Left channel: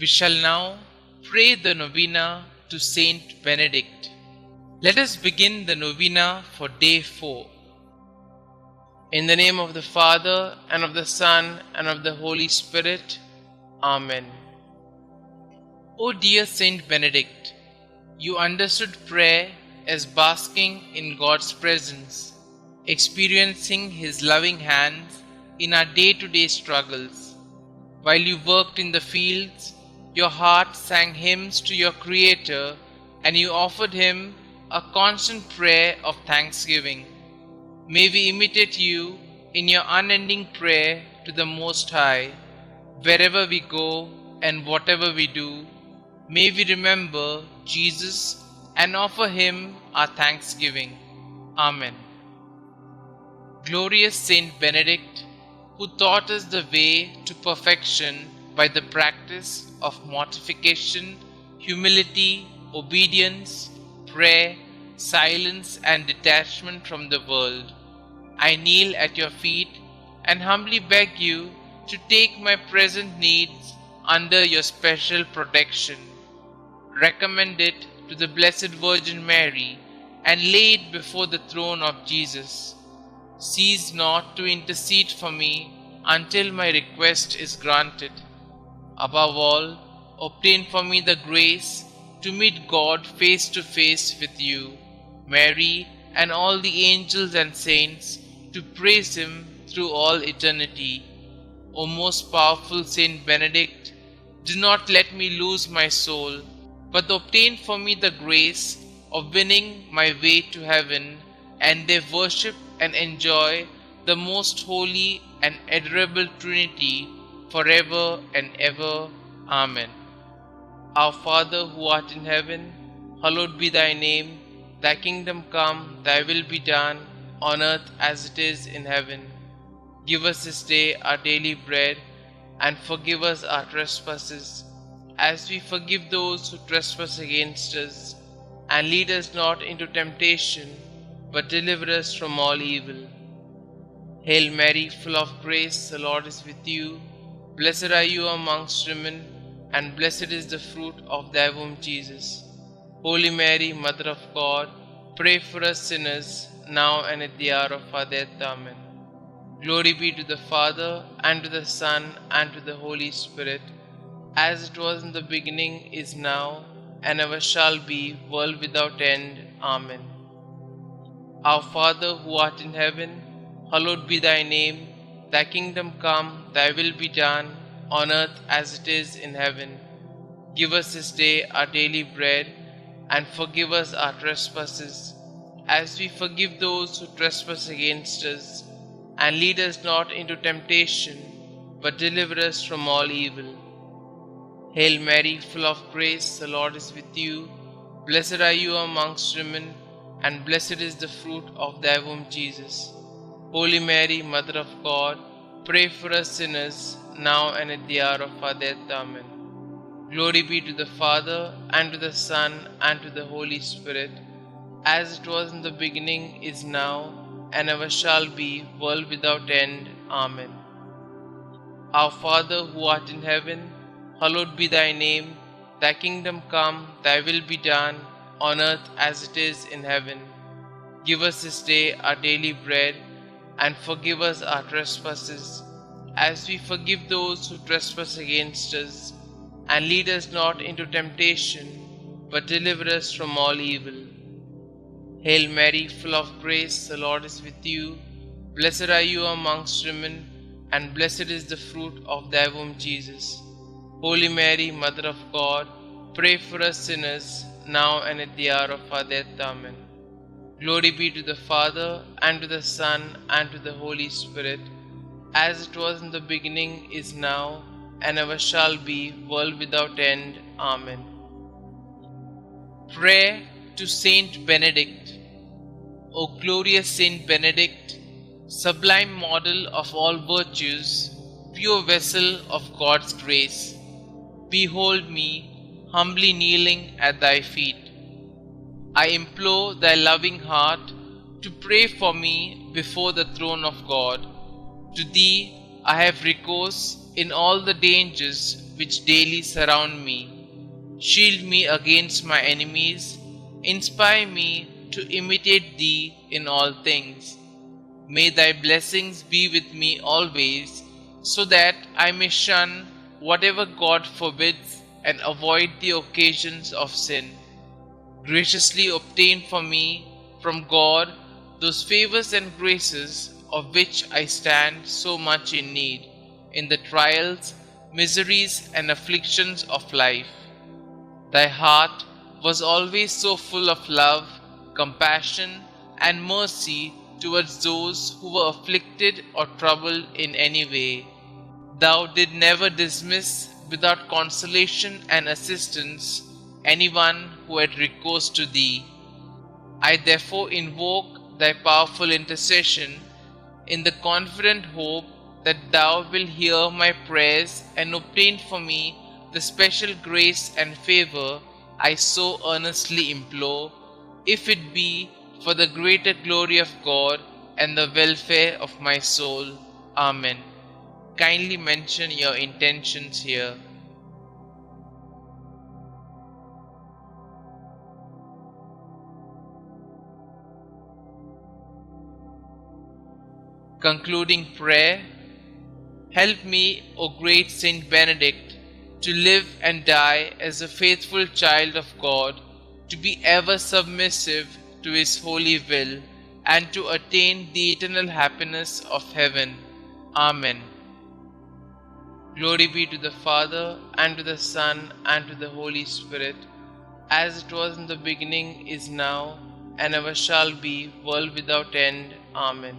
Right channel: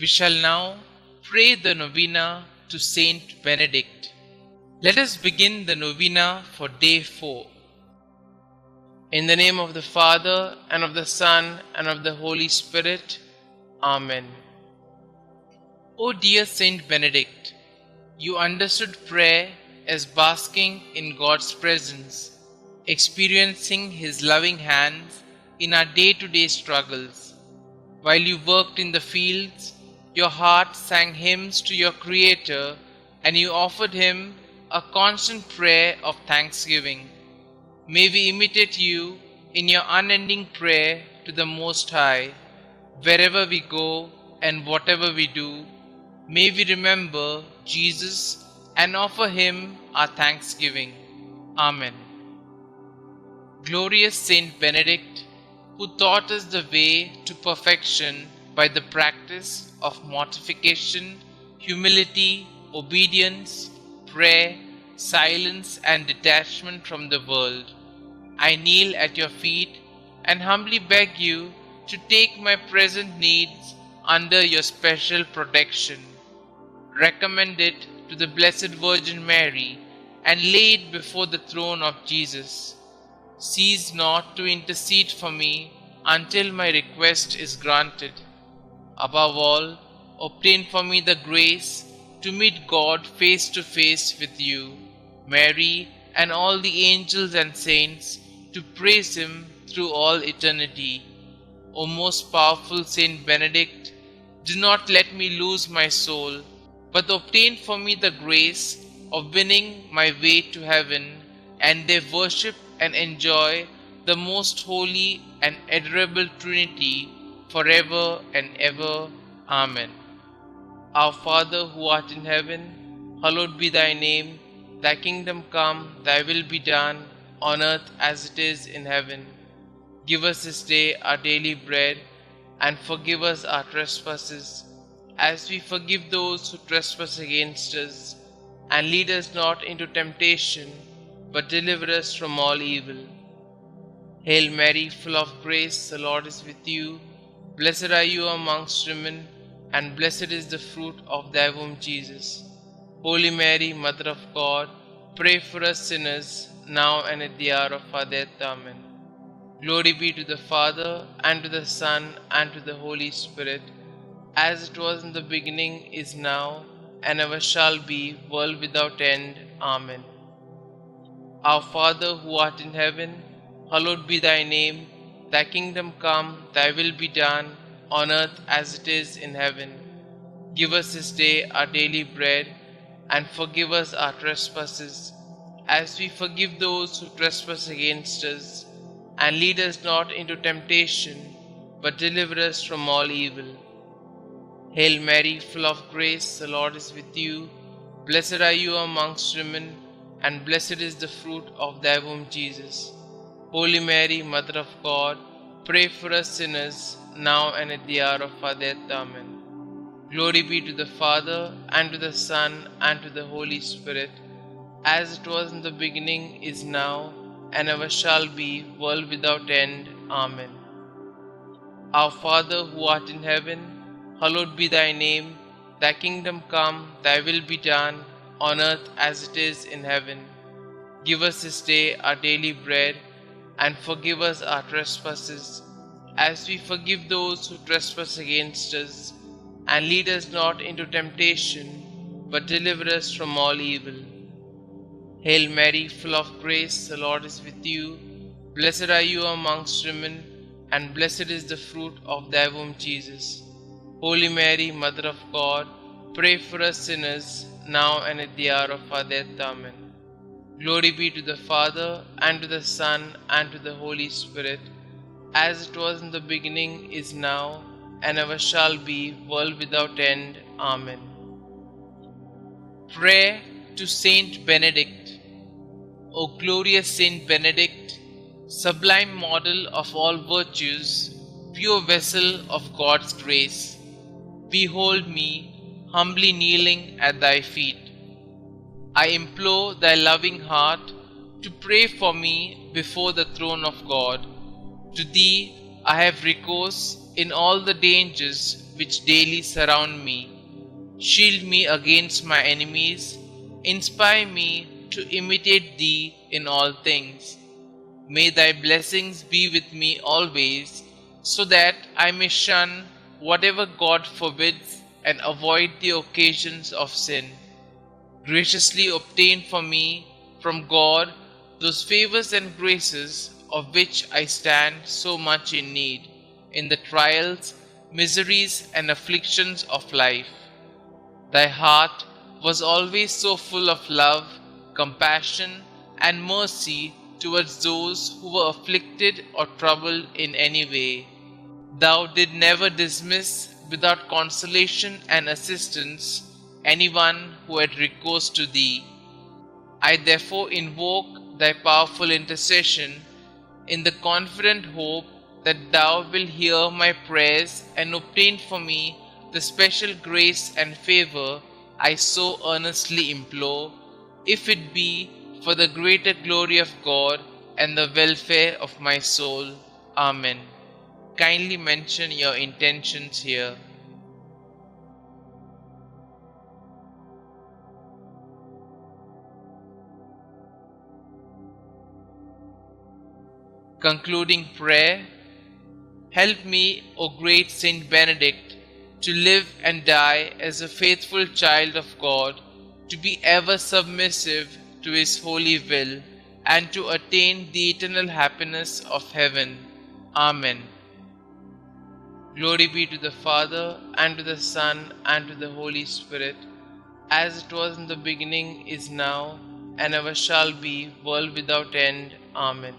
We shall now pray the Novena to St Benedict. Let us begin the Novena for day 4. In the name of the Father, and of the Son, and of the Holy Spirit. Amen. O dear St Benedict, you understood prayer as basking in God's presence, experiencing His loving hands in our day-to-day struggles. While you worked in the fields, your heart sang hymns to your Creator, and you offered Him a constant prayer of thanksgiving. May we imitate you in your unending prayer to the Most High. Wherever we go and whatever we do, may we remember Jesus and offer Him our thanksgiving. Amen. Glorious Saint Benedict, who taught us the way to perfection by the practice of mortification, humility, obedience, prayer, silence, and detachment from the world, I kneel at your feet and humbly beg you to take my present needs under your special protection. Recommend it to the Blessed Virgin Mary and lay it before the throne of Jesus. Cease not to intercede for me until my request is granted. Above all, obtain for me the grace to meet God face to face with you, Mary, and all the angels and saints, to praise Him through all eternity. O most powerful Saint Benedict, do not let me lose my soul, but obtain for me the grace of winning my way to heaven, and may worship and enjoy the most holy and adorable Trinity forever and ever. Amen. Our Father who art in heaven, hallowed be thy name. Thy kingdom come, thy will be done, on earth as it is in heaven. Give us this day our daily bread, and forgive us our trespasses, as we forgive those who trespass against us. And lead us not into temptation, but deliver us from all evil. Hail Mary, full of grace, the Lord is with you. Blessed are you amongst women, and blessed is the fruit of thy womb, Jesus. Holy Mary, Mother of God, pray for us sinners, now and at the hour of our death. Amen. Glory be to the Father, and to the Son, and to the Holy Spirit, as it was in the beginning, is now, and ever shall be, world without end. Amen. Our Father who art in heaven, hallowed be thy name. Thy kingdom come, thy will be done, on earth as it is in heaven. Give us this day our daily bread, and forgive us our trespasses, as we forgive those who trespass against us. And lead us not into temptation, but deliver us from all evil. Hail Mary, full of grace, the Lord is with you. Blessed are you amongst women, and blessed is the fruit of thy womb, Jesus. Holy Mary, Mother of God, pray for us sinners, now and at the hour of our death. Amen. Glory be to the Father, and to the Son, and to the Holy Spirit, as it was in the beginning, is now, and ever shall be, world without end. Amen. Our Father who art in heaven, hallowed be thy name. Thy kingdom come, thy will be done, on earth as it is in heaven. Give us this day our daily bread, and forgive us our trespasses, as we forgive those who trespass against us. And lead us not into temptation, but deliver us from all evil. Hail Mary, full of grace, the Lord is with you. Blessed are you amongst women, and blessed is the fruit of thy womb, Jesus. Holy Mary, Mother of God, pray for us sinners, now and at the hour of our death. Amen. Glory be to the Father, and to the Son, and to the Holy Spirit, as it was in the beginning, is now, and ever shall be, world without end. Amen. Prayer to Saint Benedict. O glorious Saint Benedict, sublime model of all virtues, pure vessel of God's grace, behold me, humbly kneeling at thy feet. I implore thy loving heart to pray for me before the throne of God. To thee I have recourse in all the dangers which daily surround me. Shield me against my enemies. Inspire me to imitate Thee in all things. May Thy blessings be with me always, so that I may shun whatever God forbids and avoid the occasions of sin. Graciously obtain for me from God those favors and graces of which I stand so much in need in the trials, miseries, and afflictions of life. Thy heart was always so full of love, compassion, and mercy towards those who were afflicted or troubled in any way. Thou did never dismiss without consolation and assistance anyone who had recourse to thee. I therefore invoke thy powerful intercession in the confident hope that thou wilt hear my prayers and obtain for me the special grace and favor I so earnestly implore, if it be for the greater glory of God and the welfare of my soul. Amen. Kindly mention your intentions here. Concluding prayer. Help me, O great St Benedict, to live and die as a faithful child of God, to be ever submissive to His holy will, and to attain the eternal happiness of heaven. Amen. Glory be to the Father, and to the Son, and to the Holy Spirit, as it was in the beginning, is now, and ever shall be, world without end. Amen.